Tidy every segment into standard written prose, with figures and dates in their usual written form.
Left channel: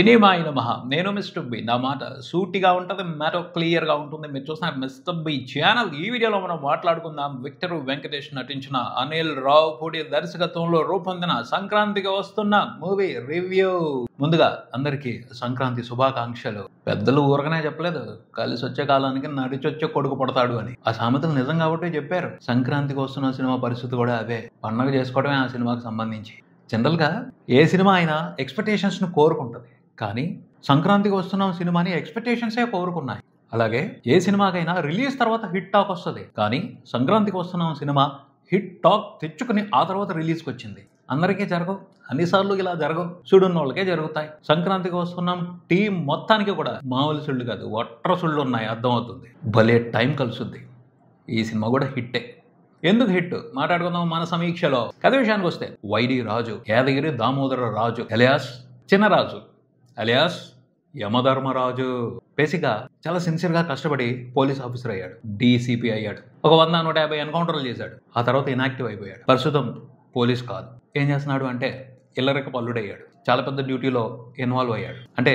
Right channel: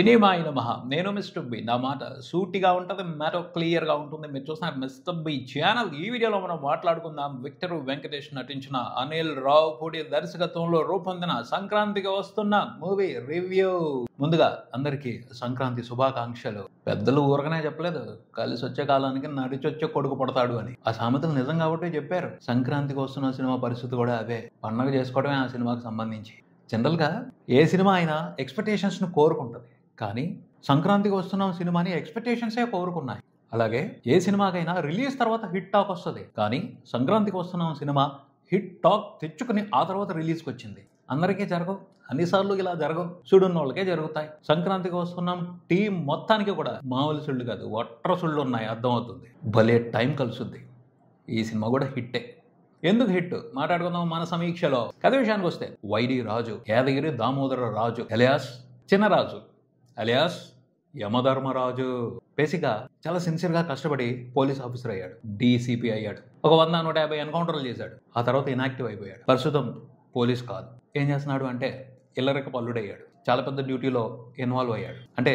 సినిమాయి నమః. నేను mister B. నా మాట సూటిగా ఉంటది. మ్యాటర్ క్లియర్‌గా ఉంటుంది. మీరు చూస్తున్నారు మిస్టర్ బి ఛానల్. ఈ వీడియోలో మనం మాట్లాడుకుందాం విక్టర్ వెంకటేష్ నటించిన అనిల్ రావుపూడి దర్శకత్వంలో రూపొందిన సంక్రాంతికి వస్తున్న మూవీ రివ్యూ. ముందుగా అందరికీ సంక్రాంతి శుభాకాంక్షలు. పెద్దలు ఊరకనే చెప్పలేదు, కలిసి వచ్చే కాలానికి నడిచొచ్చే కొడుకు పుడతాడు అని. ఆ సామెతలు నిజం కాబట్టి చెప్పారు. సంక్రాంతికి వస్తున్న సినిమా పరిస్థితి కూడా అవే. పండగ చేసుకోవడమే ఆ సినిమాకి సంబంధించి. జనరల్గా ఏ సినిమా అయినా ఎక్స్పెక్టేషన్స్ను కోరుకుంటుంది, కానీ సంక్రాంతికి వస్తున్న సినిమాని ఎక్స్పెక్టేషన్సే కోరుకున్నాయి. అలాగే ఏ సినిమాకైనా రిలీజ్ తర్వాత హిట్ టాక్ వస్తుంది, కానీ సంక్రాంతికి వస్తున్న సినిమా హిట్ టాక్ తెచ్చుకుని ఆ తర్వాత రిలీజ్కి వచ్చింది. అందరికీ జరగవు, అన్నిసార్లు ఇలా జరగవు, చూడున్న వాళ్ళకే జరుగుతాయి. సంక్రాంతికి వస్తున్నాం టీం మొత్తానికి కూడా మామూలు సుళ్ళు కాదు, ఒట్ర సుళ్ళు ఉన్నాయి, అర్థమవుతుంది. భలే టైం కలుసుద్ది. ఈ సినిమా కూడా హిట్టే. ఎందుకు హిట్ మాట్లాడుకుందాం మన సమీక్షలో. కథ విషయానికి వస్తే వైడి రాజు యాదగిరి దామోదర రాజు అలియాస్ చిన్నరాజు అలియాస్ యమధర్మరాజు బేసిక్గా చాలా సిన్సియర్గా కష్టపడి పోలీస్ ఆఫీసర్ అయ్యాడు, డీసీపీ అయ్యాడు. ఒక 100-150 ఎన్కౌంటర్లు చేశాడు. ఆ తర్వాత ఇనాక్టివ్ అయిపోయాడు. ప్రస్తుతం పోలీస్ కాదు. ఏం చేస్తున్నాడు అంటే ఇల్లరిక పల్లుడయ్యాడు. చాలా పెద్ద డ్యూటీలో ఇన్వాల్వ్ అయ్యాడు. అంటే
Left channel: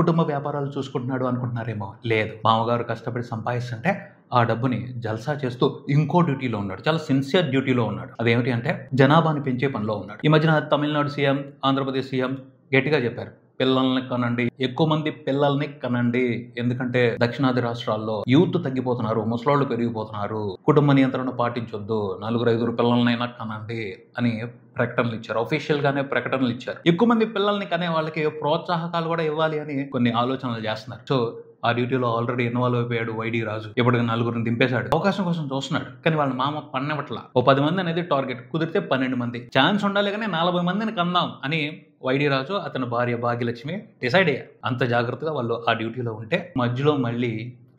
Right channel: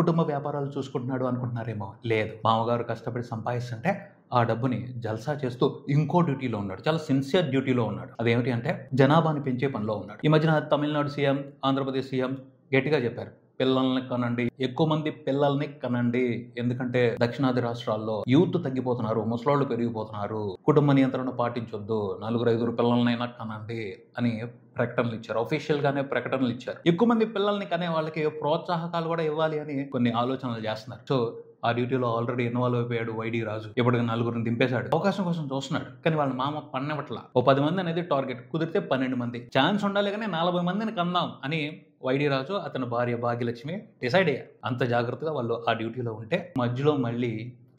కుటుంబ వ్యాపారాలు చూసుకుంటున్నాడు అనుకుంటున్నారేమో, లేదు. మామగారు కష్టపడి సంపాదిస్తుంటే ఆ డబ్బుని జల్సా చేస్తూ ఇంకో డ్యూటీలో ఉన్నాడు. చాలా సిన్సియర్ డ్యూటీలో ఉన్నాడు. అదేమిటి అంటే జనాభాని పెంచే పనిలో ఉన్నాడు. ఈ మధ్యన తమిళనాడు సీఎం, ఆంధ్రప్రదేశ్ సీఎం గట్టిగా చెప్పారు, పిల్లల్ని కనండి, ఎక్కువ మంది పిల్లల్ని కనండి. ఎందుకంటే దక్షిణాది రాష్ట్రాల్లో యూత్ తగ్గిపోతున్నారు, ముసలోళ్ళు పెరిగిపోతున్నారు, కుటుంబ నియంత్రణ పాటించొద్దు, 4-5 పిల్లలనైనా కనండి అని ప్రకటనలు ఇచ్చారు. అఫీషియల్ గానే ప్రకటనలు ఇచ్చారు. ఎక్కువ మంది పిల్లల్ని కనే వాళ్ళకి ప్రోత్సాహకాలు కూడా ఇవ్వాలి అని కొన్ని ఆలోచనలు చేస్తున్నారు. సో ఆ డ్యూటీలో ఆల్రెడీ ఇన్వాల్వ్ అయిపోయాడు వైడి రాజు. ఇప్పుడు 4 దింపేశాడు. అవకాశం కోసం చూస్తున్నాడు, కానీ వాళ్ళ మామ పన్నవట్ల. ఓ 10 మంది అనేది టార్గెట్, కుదిరితే 12 మంది. ఛాన్స్ ఉండాలి కానీ 40 మందిని కందాం అని వైడి రాజు అతని భార్య భాగ్యలక్ష్మి డిసైడ్ అయ్యారు. అంత జాగ్రత్తగా వాళ్ళు ఆ డ్యూటీలో ఉంటే మధ్యలో మళ్ళీ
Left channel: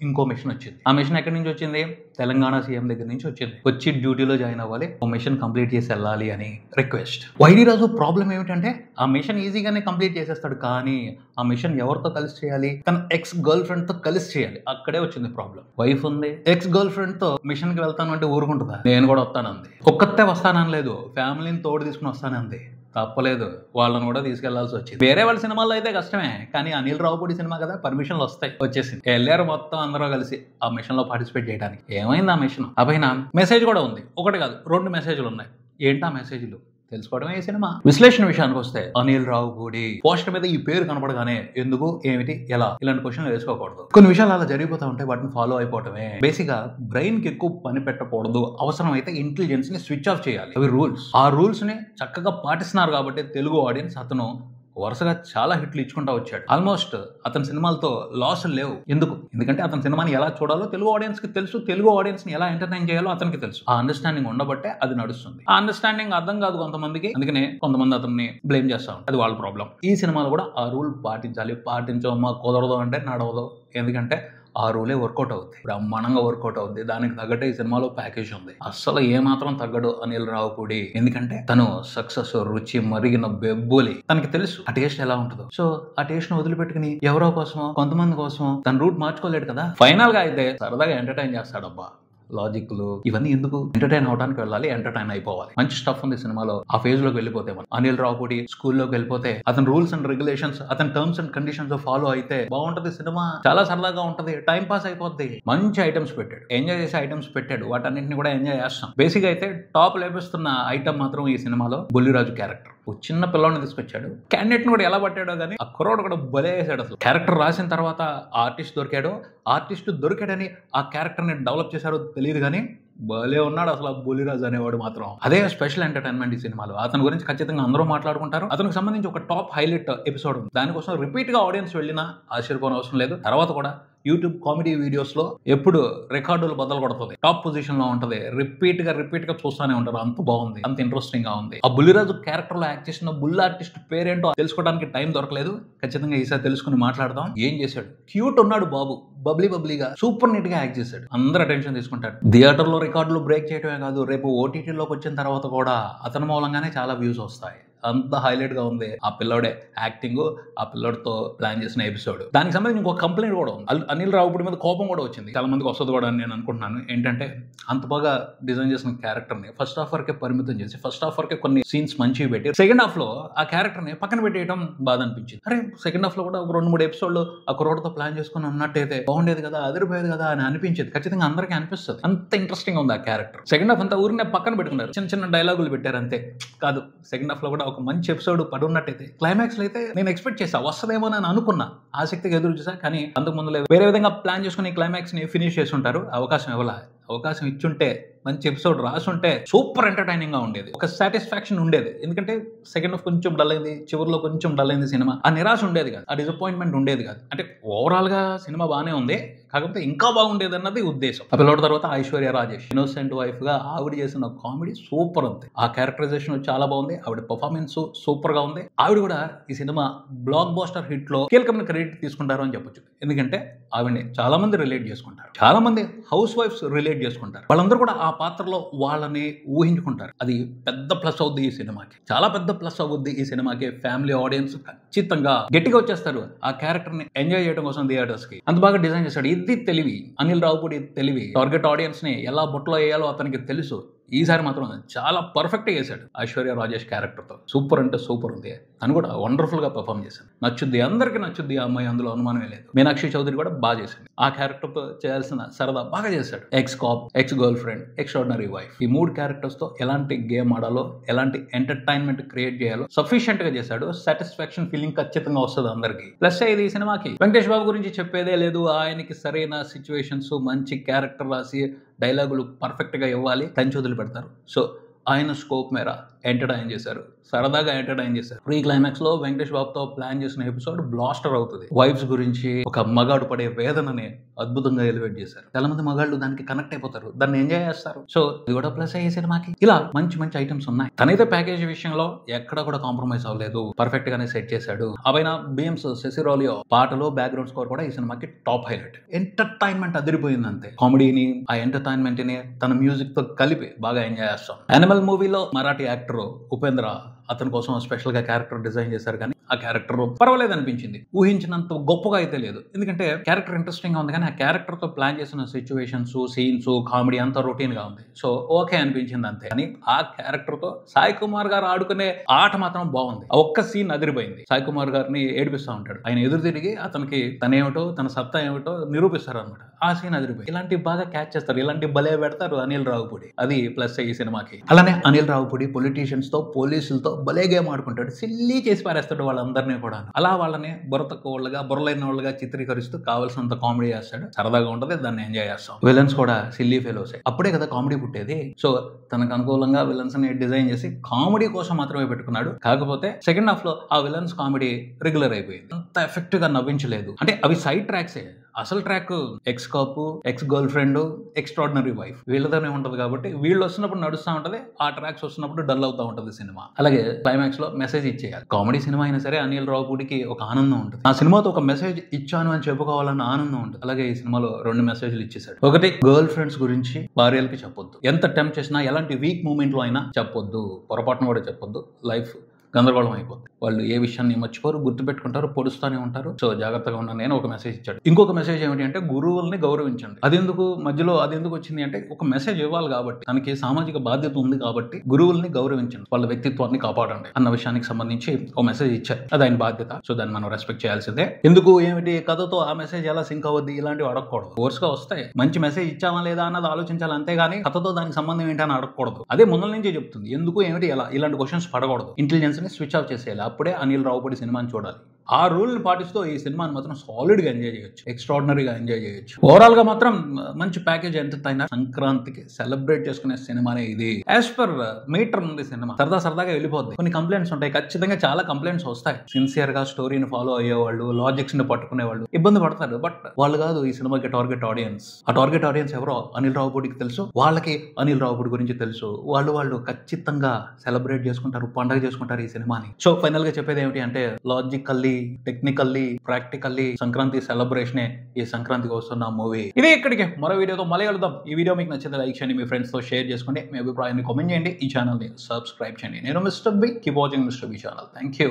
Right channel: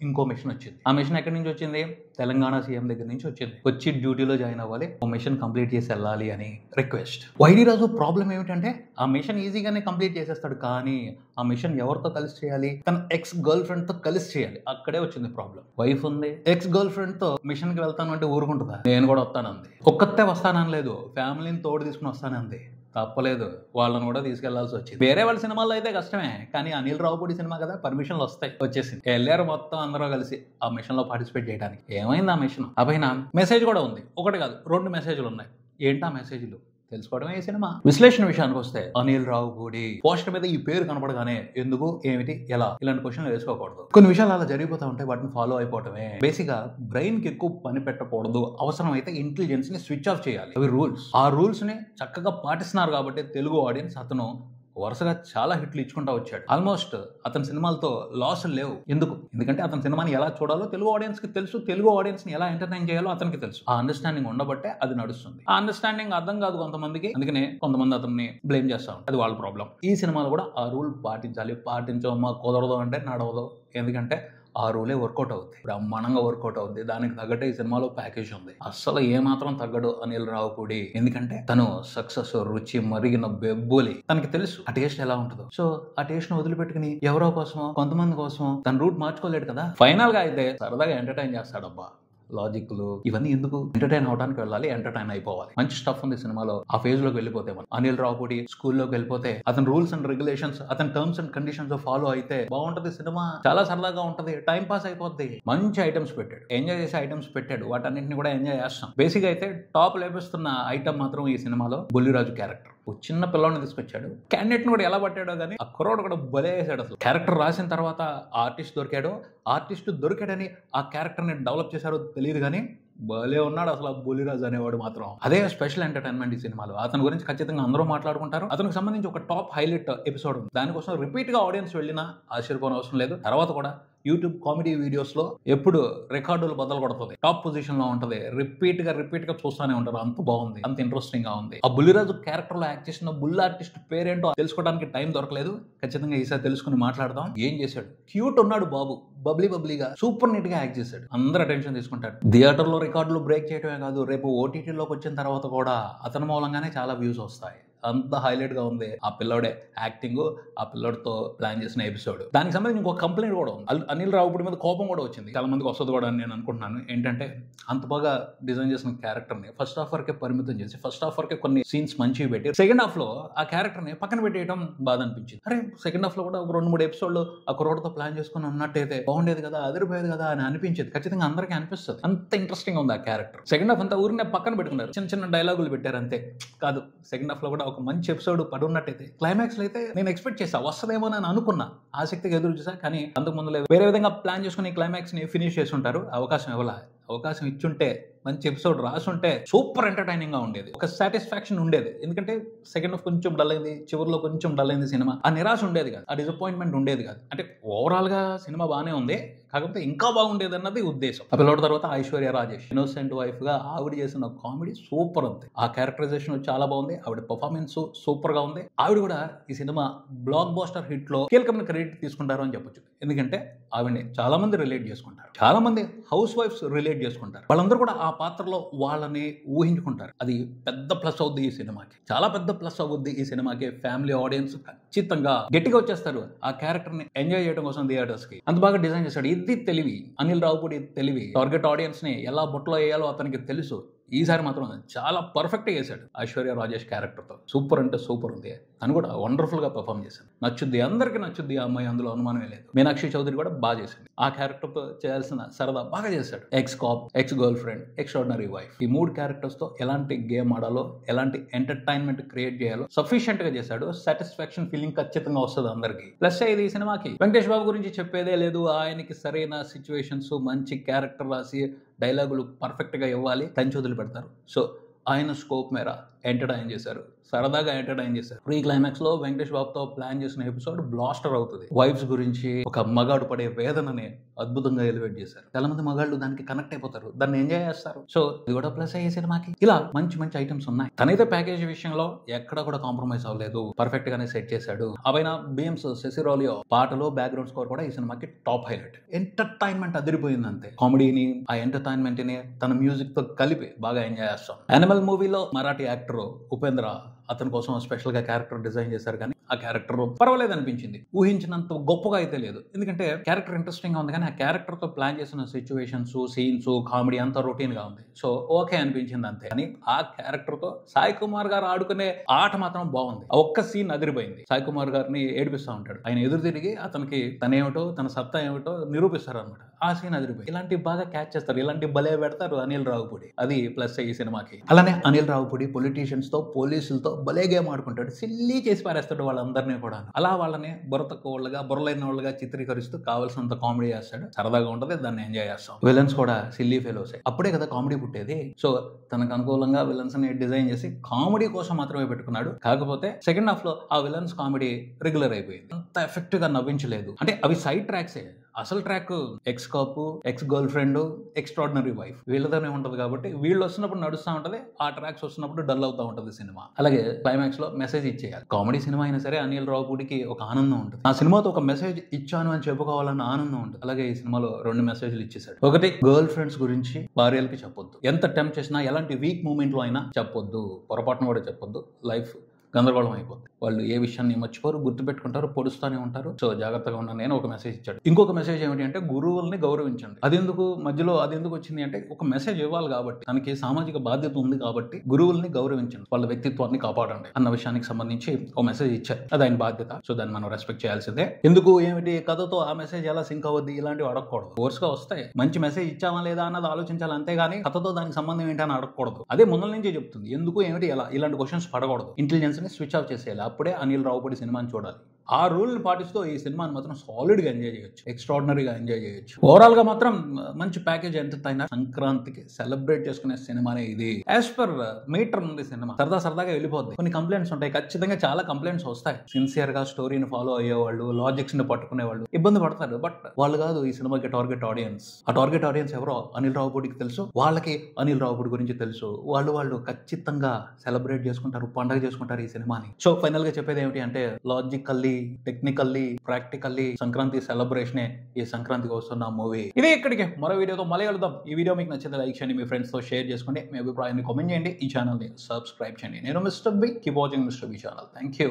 ఇంకో మిషన్ వచ్చింది. ఆ మిషన్ ఎక్కడి నుంచి వచ్చింది? తెలంగాణ సీఎం దగ్గర నుంచి వచ్చింది. వచ్చి డ్యూటీలో జాయిన్ అవ్వాలి, ఓ మిషన్ కంప్లీట్ చేసి వెళ్ళాలి అని రిక్వెస్ట్. వైడి రాజు ప్రాబ్లం ఏమిటంటే ఆ మిషన్ ఈజీగానే కంప్లీట్ చేసేస్తాడు, కానీ ఆ మిషన్ ఎవరితో కలిసి చేయాలి? తన ఎక్స్ గర్ల్ ఫ్రెండ్ తో కలిసి చేయాలి. అక్కడే వచ్చింది ప్రాబ్లం. వైఫ్ ఉంది, ఎక్స్ గర్ల్ ఫ్రెండ్ తో మిషన్ కి వెళ్తాను అంటే ఊరుకుంటుందా? నేను కూడా వస్తానంది. ఒక్కతే వస్తానని లేదు, ఫ్యామిలీని తోడు తీసుకుని వస్తానంది. తప్పలేదు, వాళ్ళని కూడా తీసుకెళ్లాల్సి వచ్చింది. వేరే వాళ్ళ సినిమాల్లో అయితే కష్టమే, కానీ అనిల్ రావుపూడి సినిమా కదా, పర్మిషన్లు వస్తాయి. వచ్చేసింది. వెళ్ళారు మొత్తం అందరూ కలిసి ఆ మిషన్ లో పార్టిసిపేట్ చేయడానికి. ఏమైంది ఆ మిషన్? ఆ పైన మెసేజ్ కూడా ఉంది. ఒకటి కాదు, 2 మెసేజ్లు ఉన్నాయి. ఏంటా మెసేజ్లు తెలుసుకోవడమే ఈ సినిమా. విశ్లేషణ విషయానికి వస్తే అనిల్ రావుపూడి పోస్టర్ మీద ఈ పేరు కనపడగానే ఎందుకు, ఏమిటి, ఎలా ఇలాంటి క్వశ్చన్లు వేసుకోకూడదు. కొన్ని విషయాలు అలా జరిగిపోతా ఉంటాయి, వాటిని ఫాలో అయిపోవటమే. బేసిక్ గా బ్రెయిన్ కి ఎక్కువ పని పెట్టకూడదు, అవసరం అయితే ఇంటెలిజెన్స్ ని స్విచ్ ఆఫ్ చేయాలి. అవి రూల్స్. ఆ రూల్స్ ని చక్కగా పాటిస్తున్నారు కాబట్టి తెలుగు ఆడియన్స్ అతను వరుసగా చాలా హిట్లు ఇచ్చుకుంటా వచ్చాడు. ఆల్మోస్ట్ అతని సినిమాలతో లాస్ లేవు. ఎందుకంటే అతని సినిమాని ఎలా చూడాలో తెలుగు ఆడియన్స్ కి తెలుసు, తెలుగు ఆడియన్స్ ని ఎలా ఎంటర్టైన్ చేయాలో అతనికి తెలుసు. ఆ అండర్స్టాండింగ్ ఉండబట్టే అది నడుస్తుంది. ఆ అండర్స్టాండింగ్ అర్థం కాదు కొంతమందికి, అందుకనే కొంతమంది అతన్ని బ్లేమ్ చేస్తా ఉంటారు. అది వాళ్ళ ప్రాబ్లం. ఈ సినిమాలో కూడా ఆ రూల్ పాటించాలి. పాటించమ్మా కుదరదు అంటే నడవదు. ఎందుకంటే ఆ రూలే వర్కౌట్ అవుతుంది, బ్రహ్మాండంగా వర్కౌట్ అవుతుంది. దానికి తగ్గట్టే ఈ సినిమాలో ప్యాకేజ్ ఉంది. అస్సలు ఏమాత్రం తగ్గడు అనిల్ రావుపూడి. ఎందుకంటే తను సక్సెస్ రుచి మరిగిన బెబ్బులి, తనకి తెలుసు ఆ టేస్ట్ ఎలా ఉంటుందో. సో ఆ టేస్ట్ ను వదిలిపెట్టుకుని ఎవరో కోసమో కొంతమంది కోసం తన రూట్ మార్చుకోలేడు కదా. ఫైనల్ గా అయితే సరదాగా ఎంటర్టైన్ చేస్తాడబ్బా. లాజిక్లు ఇవన్నీ ఎందుకు? ఎంటర్టైన్ అవడానికి వెళ్ళాలి, ఎంటర్టైన్ అయిపోవాలి. మంచి స్టఫ్ ఉంది సినిమాలో. ఆ ఫేజ్ లోకి వెళ్ళిపోతే అనిల్ రావుపూడి స్కూల్లోకి వెళ్ళిపోతే అతని రూల్స్ అండ్ రెగ్యులేషన్స్, అతని టర్మ్స్ అండ్ కండిషన్స్ ఫాలో అయితే బాగుంటది సినిమా. చాలా సరదాగా ఉంటది, టైం పాస్ అయిపోద్ది. మంచి ఐటమ్స్ పెట్టాడు, ఎంజాయ్ చేసే ఐటమ్స్ పెట్టాడు. వాటన్నింటిని కూడా ఎంజాయ్ చేస్తాం. బేసిక్ అయితే టాప్ లేపిస్తున్న ఐటమ్ మాత్రం ఈ సినిమాలో బుల్లిరాజు క్యారెక్టర్. ఓ చిన్న పిల్లని తీసుకొచ్చాడు. క్యాండిడేట్ ని కూడా ఎలా పట్టాడో కానీ ఆ కుర్రోడు కూడా బలే వేసాడు. అసలు క్యారెక్టర్ రాసిన తర్వాత ఆర్టిస్ట్ దొరికాడని ఆ క్యారెక్టర్ ని డెవలప్ చేశారో తెలియదు, కానీ భలే ఉన్నాడు అసలు ఆ బుల్లిరాజు అనేవాడు మాత్రం. అదే స్పెషల్ ఎంటర్టైన్మెంట్ ఈ సినిమాలో. అతని గురించి ఖచ్చితంగా అందరూ మాట్లాడుకుంటారు. అతనికి సంబంధించి ఒక టాప్ హైలైట్ ఎపిసోడ్ ఉంది. దానికోసం రిపీట్ గా ఆడియన్స్ వెళ్ళినా ఆశ్చర్యపోని అవసరం లేదు. తర్వాత కూడా యూట్యూబ్ కామెడీ వీడియోస్ లో ఎప్పుడు రికార్డులు బద్దలు కొడుతుంది, టాప్ పొజిషన్ లో ఉంటది. రిపీట్ గా చూస్తూనే ఉంటారు. అంత బాగుంది, అంత ఇంట్రెస్టింగ్ గా ఉంది. ఆ బుల్లిరాజు క్యారెక్టర్ లో యాక్ట్ చేసిన బుల్ ఆర్టిస్ట్ పేరేంటో తెలుసుకోవడానికి టైం దొరకలేదు. ఖచ్చితంగా ఈసారి తెలుసుకుని మాట్లాడదాం. ఏం చేశాడు? క్యూట్ ఉన్నాడు బాబు, బబ్లీగా సూపర్ నీట్ గా యాక్ట్ చేశాడు. అందరూ అటెన్షన్ తీసుకుంటాడు. థియేటర్ లో రికార్డులు బ్రేక్ చేయడమే కాదు, రేపు ఓటీటీలోకి వచ్చిన తర్వాత కూడా అతని మూలంగానే చాలా వ్యూస్ వస్తాయి. అంత హైలైట్ గా ఉంది ఆ పిల్లోడే యాక్టింగ్, ఆ పిల్లోడితో ప్లాన్ చేసిన ఎపిసోడ్. దానికి సంబంధించి ఇంకొక కంప్లైంట్ కూడా ఉంది. అనిల్ రావుపూడి మీద కోపం కూడా వచ్చింది, చాలా మందికి వస్తుంది కూడా అని నేను అనుకుంటున్నాను. ఏంటంటే అంత బాగా డిజైన్ చేసిన క్యారెక్టర్ ని ఫస్ట్ హాఫ్ వరకే పరిమితం చేసి ఫస్ట్ హాఫ్ వరకే కొన్ని సీన్స్ మంచివి పెట్టి సెకండ్ హాఫ్ లో ఆ క్యారెక్టర్ ని పక్కన పెట్టేయడం బాధ అనిపించింది. అరే సెకండ్ హాఫ్ లో కూడా ఒక 2-3 ఎపిసోడ్లు ఆ కుర్రోడ్తో ప్లాన్ చేసుకుని ఉన్నట్టయితే బాగుండేది కదా, అదిరిపోయేది కదా అని అనిపించేది. ఖచ్చితంగా అందరికీ అనిపిస్తుంది, అంత ఇంట్రెస్టింగ్ ఉంది ఆ క్యారెక్టర్. సెకండ్ హాఫ్ అంతా ఊరినే పక్కన పెట్టుకున్నారు, చిన్న చిన్న డైలాగులు పెట్టారు అంతే. కాదు, సెకండ్ హాఫ్ లో కూడా ఒక మంచి ఎపిసోడ్ పడి ఉన్నట్టయితే క్లైమాక్స్ లో అయితే నేను ఎక్స్పెక్ట్ చేసా వస్తుందేమో అని అనుకున్నా, ఆసక్తిగా ఎదురు చూసా. కానీ అంతకు ముందు వేరే విధంగా ప్లాన్ చేసుకుని క్లైమాక్స్ ని ఫినిష్ చేసి ఉంటారు. అవకాశం ఇవ్వాల, అవకాశం ఇచ్చుంటే మంచి ఎపిసోడ్ రాసుంటే సూపర్ ఎంటర్టైనింగ్ గా ఉండేది, ఒక సాటిస్ఫాక్షన్ ఉండేది. ఎందుకంటే సెకండ్ హాఫ్ కొంచెం డల్ అయింది, చివరిలో కొంచెం డల్ అయింది సినిమా, ఆ నిరాశ ఉండేది కాదు, ఆ డిసప్పాయింట్మెంట్ ఉండేది కాదు. అంటే ఓవరాల్ గా సినిమా బాగానే ఉంది, కాకపోతే ఇంకా బాగుండేది అన్నది ఉద్దేశం. ఆ పిల్లోడి తర్వాత ఐశ్వర్య రాజేష్ ఇన్నోసెంట్ వైఫ్ గా ఆవిడ చేసిన కామెడీ సూపర్ ఉంది, ఆ క్యారెక్టరైజేషన్ చాలా బాగుంది, ఆవిడ పర్ఫార్మెన్స్ సూపర్ గా ఉంది. ఆవిడ కూడా ఈ సినిమా బ్లాక్ బాస్టర్ హిట్ లో కీలకమైన క్రెడిట్ తీసుకుంటారు అని చెప్పొచ్చు. ఎందుకంటే ఆవిడని చాలా మంది రిలేట్ చేసుకుంటారు, చాలా మంది హౌస్ వైఫ్స్ రిలేట్ చేసుకుంటారు, వాళ్ళందరూ కూడా ఆ పాత్రలో వాళ్ళని ఊహించుకుంటారు. అది పెద్ద ప్లస్ అవుద్ది ఈ సినిమాకి, చాలా పెద్ద ప్లస్ అవుద్ది ఈ సినిమాకి. ఫ్యామిలీ ఆడియన్స్ ఖచ్చితంగా గట్టిగా వచ్చేస్తారు ఆ క్యారెక్టర్ ని ఎంజాయ్ చేయడం కోసం థియేటర్స్ కి. అంత బాగా డిజైన్ చేశాడు. ఇది తెలివి, అనిల్ రావుపూడి తెలివి. టార్గెట్ ఆడియన్స్ ని ఎలా బుట్టలో వేయాలో అతనికి తెలుసు. ఈసారి మాత్రం చాలా పర్ఫెక్ట్ గా చేశాడు ఐశ్వర్య రాజేష్ క్యారెక్టర్ తో. సూపర్ అంటే సూపర్ ఉంది, తను కూడా వండర్ఫుల్ గా పర్ఫామ్ చేశాడు. నచ్చుద్ది, అందరికీ నచ్చుద్ది ఆ అమ్మాయి, అందులో అనుమానమే లేదు. మీనాక్షి చౌదరి కూడా బాగా చేసింది, ఆ క్యారెక్టర్ తో చేయాల్సిన సరదా బాగా చేశాడు. X cap, X girlfriend, extraordinary wife, ఈ 3 క్యారెక్టర్స్ తో ఎలాంటి గేమ్ ఆడాలో, ఎలాంటి ఎంటర్టైన్మెంట్ క్రియేట్ చేయాలో సఫిషియెంట్ గా చేశాడు. సాటిస్ఫాక్షన్ ఫీలింగ్ ఖచ్చితంగా వస్తుంది అందరికి. ప్లస్ ఇది ఈ సినిమాకి వెంకటేష్ బాబు గురించి చెప్పేదే లేదు, ఆయనకి సరైన సిచ్యువేషన్స్, మంచి క్యారెక్టర్ రాసి డైలాగులు పర్ఫెక్ట్ గా ఇవ్వాలి, కంచి వదిలి పెడతారు. సో ఆయన స్కోప్ మేర ఎంటర్టైన్ చేశారు, సరదాగా ఎంటర్టైన్ చేశారు. ప్రీ క్లైమాక్స్ లో వెంకటేష్ బాబుతో ప్లాన్ చేసిన ఎపిసోడ్ బ్లాస్టర్ అవుతుంది. వైఫ్స్ గురించి, ఒక మగాడు పడే వేదనని అద్భుతంగా ఎలివేట్ చేశారు. చాలా మంది మగాళ్ళు దానికి కనెక్ట్ అయిపోతారు, దాన్ని ఎంజాయ్ చేస్తారు. సో ఇది కూడా ప్లస్ అయ్యే సినిమాకి. ఇలా మంచి మంచి ఐటమ్స్ ఉన్నాయి. తనైతే ప్యాకేజ్ విషయంలో ఎక్కడ కూడా కాంప్రమైజ్ అవ్వలేదు, పర్ఫెక్ట్ గానే సెట్ చేశాడు. అవైనా బీమ్స్ సెసిరోలియో పాటలో బ్యాక్గ్రౌండ్ స్కోర్ కూడా ఈ సినిమాకి టాప్ హైలైట్. ఎంటర్టైన్మెంట్ అదిరిపోయింది అంతే. కామెడీని, ఆ ఎంటర్టైన్మెంట్ ని తన మ్యూజిక్ తో కలిపి బాగా ఎంజాయ్ చేస్తాం. యానిమల్ మూవీలో మరాఠీ యాక్టర్ ఉపేంద్ర అతని కోసం స్పెషల్ గా క్యారెక్టర్ డిజైన్ చేశారు, కానీ ఆ క్యారెక్టర్ పర్వాలేదు అనిపించింది. ఊహించినంత గొప్పగా అయితే లేదు, ఎందుకంటే క్యారెక్టర్ ఇంట్రెస్టింగ్ గా ఉంది, కానీ ఆ క్యారెక్టర్ తో ప్లాన్ చేసిన సిచ్యువేషన్స్, సీన్స్, కామెడీ అంతా రొటీన్ గా ఉంది. సో ఓకే అనిపించింది అంతే. కానీ ఆ క్యారెక్టర్ తో సాయి కుమార్ గారు ఆడుకునే ఆట మాత్రం బాగుంది. ఆ ఒక్క సీన్ అదిరిపోయింది. సాయి కుమార్ గారిని ఏడిపిస్తూ ఉంటాడు, ఆయన ఎదురు తిరిగి అతనికి తనేమిటో, తన సత్తా ఏమిటో నిరూపిస్తారు అనమాట. ఆ సీన్ అదిరిపోయి. ఇలాంటివి బాగా క్యాచ్ చేస్తారు, ఇలాంటి భలే పెడతారు అనిల్ రావుపూడి. అది ప్లస్ ఈ సినిమాకి. అలానే అనిల్ రావుపూడి పొలిటీషియన్స్ తో, పోలీసులతో భలే గేమ్ ఆడుకుంటాడు, సిల్లీ చేసి పారేస్తాడు వాళ్ళందరినీ కూడా. అలా వాళ్ళని బుర్రలైన వాళ్ళగా చిత్రీకరిస్తూ కావాల్సినంత కామెడీ చేస్తాడు. సరదాగా ఉంటది, దాన్ని ఎంజాయ్ చేస్తాం. విలన్స్ కూడా సిల్లీ ఫెలోస్, అప్పుడే కదా కామెడీ పుట్టేది. సో తనకు అనుకూలంగా విలన్స్ ని డిజైన్ చేసి కామెడీ కోసం మాత్రమే పెట్టుకున్నాడు. కాకపోతే సెకండ్ హాఫ్ లో ఆ విలన్స్ కామెడీ రెగ్యులర్ అయిపోయింది, అంత ఎఫెక్టివ్ గా నవ్వించలేదు. అంటే అవి సైడ్ ట్రాక్సే, అసలు ట్రాక్ ఎక్స్ కాపు, ex girlfriend, extraordinary wife వీళ్ళతోనే ఉంటది. కాబట్టి వీళ్ళు వస్తున్నప్పుడు నడుస్తూ ఉంటది, ఆ ట్రాక్స్ వస్తున్నప్పుడు డల్ అవుతూ ఉంటది సినిమా. అలాగే క్లైమాక్స్ లో మెసేజ్ ఇచ్చేయాలి. కామెడీ సినిమా అయినా సరే అనిల్ రావుపూడికి ఒక ఆనందం ఉంటుంది, ఆ సినిమాతో ఒక మెసేజ్ ఇచ్చాను అని చెప్పుకోవాలన్న ఆనందం ఉంటుంది. అలాగే ఈ సినిమాలో 2 మెసేజ్లు ఇచ్చేసాడు. ఒకటి, గర్ల్ ఫ్రెండ్స్ గురించి భార్యలకి చెప్పొద్దు, ఎంత టెంప్ట్ చేసినా, ఎలాంటి వీక్ మూమెంట్ లో అయినా చెప్పొద్దు, పొరపాటున కూడా చెప్పొద్దు. లైఫ్ గందరగోళం అయిపోద్ది, వాళ్ళు ఏ విషయాన్ని మర్చిపోరు, గుర్తుపెట్టుకుంటారు, పొడుస్తూనే ఉంటారు. సో జాగ్రత్తగా ఉన్నాను నేను. ఒక మెసేజ్ ఇచ్చాడు. ఇంకొక మెసేజ్ ఏమిటి అంటే గురువుల్ని గౌరవించండి. అదెందుకు మధ్యలో అదెందుకు వచ్చింది అంటే, ఒక మెసేజ్ ఇవ్వాలి కాబట్టి, తనకి సామాజిక బాధ్యత ఉంది కాబట్టి గురువుల్ని గౌరవించండి, వాళ్ళ వ్యక్తిత్వాన్ని కాపాడండి అన్న విషయానికి సంబంధించి ఒక మెసేజ్ ఇచ్చారు. అది ఆయన బాధ్యత. సో దాన్ని మనం రెస్పెక్ట్ చేయాల్సిందే. ఎందుకు ఏమిటి కథతో ఆ మెసేజ్ ఎలా సింక్ అవ్వద్ది, ఇలాంటివి అడగకూడదు. కోర్స్ గా వస్తాయి, మంచి మెసేజ్ ఇచ్చామా లేదా అన్నది ఆలోచించాలి, అంతేగాని కథతో దానికి సంబంధం ఏంటి అని అడగకూడదు. అదే ముందు నుంచే చెప్తుంది, ఎందుకు ఏమిటి ఎలా, ఇలాంటి క్వశ్చన్స్ పడకూడదు. ఇంటెలిజెన్స్ ని స్విచ్ ఆఫ్ చేసేయాలి, అప్పుడే అనిల్ రావుపూడి సినిమాని చూడాలి. ఆ రూల్ని పాటిస్తూ ఈ సినిమాని మాత్రం సాలిడ్ గా ఎంజాయ్ చేయొచ్చు, ఎక్స్ట్రాడినరీగా ఎంజాయ్ చేయొచ్చు. ఓవరాల్ గా మాత్రం మంచి ప్యాకేజ్. ఎంతైనా సంక్రాంతికి సెలబ్రేట్ చేసుకునే సినిమానే ఇది. యాజ్ పర్ మీటర్ ఉంది సినిమా, సరదాగా వెళ్ళిపోద్ది. కొన్ని కంప్లైంట్స్ ఉంటాయి, ఖచ్చితంగా చాలా కంప్లైంట్స్ వస్తాయి. సిన్సియర్ గా స్టోరీని ఫాలో అయ్యేవాళ్ళు, లాజిక్స్ ని పట్టుకునే వాళ్ళు ఇబ్బంది పడతారు. బట్ వాళ్ళు కాదు ఈ సినిమాకి టార్గెట్ ఆడియన్స్. ఆ టార్గెట్ ఆడియన్స్ ఎవరో అనిల్ రావుపూడికి తెలుసు, వాళ్ళకి అనిల్ రావుపూడి గురించి తెలుసు. వాళ్ళు ఖచ్చితంగా సెలబ్రేట్ చేసుకుంటారు, పండుగ చేసుకుంటారు ఈ సినిమాని. సో ఫైనల్ గా చెప్పేది ఏమిటి అంటే, లాజికల్లీ టెక్నికల్లీ ప్రాక్టికల్లీ సంక్రాంతి సెలబ్రేషనే ఈ సంక్రాంతికి వస్తున్న మూవీ. ఇది ఇక్కడికి మరో వీడియోతో మళ్ళీ కలుద్దాం. ఈ వీడియో మీకు నచ్చితే లైక్ చేయండి, మీ ఫ్రెండ్స్ తో షేర్ చేసుకోండి, మీ అభిప్రాయాన్ని కామెంట్ చేయండి, ఈ ఛానల్ ని సబ్స్క్రైబ్ చేయండి. నేను mister B, keep watching mister B channel. Thank you.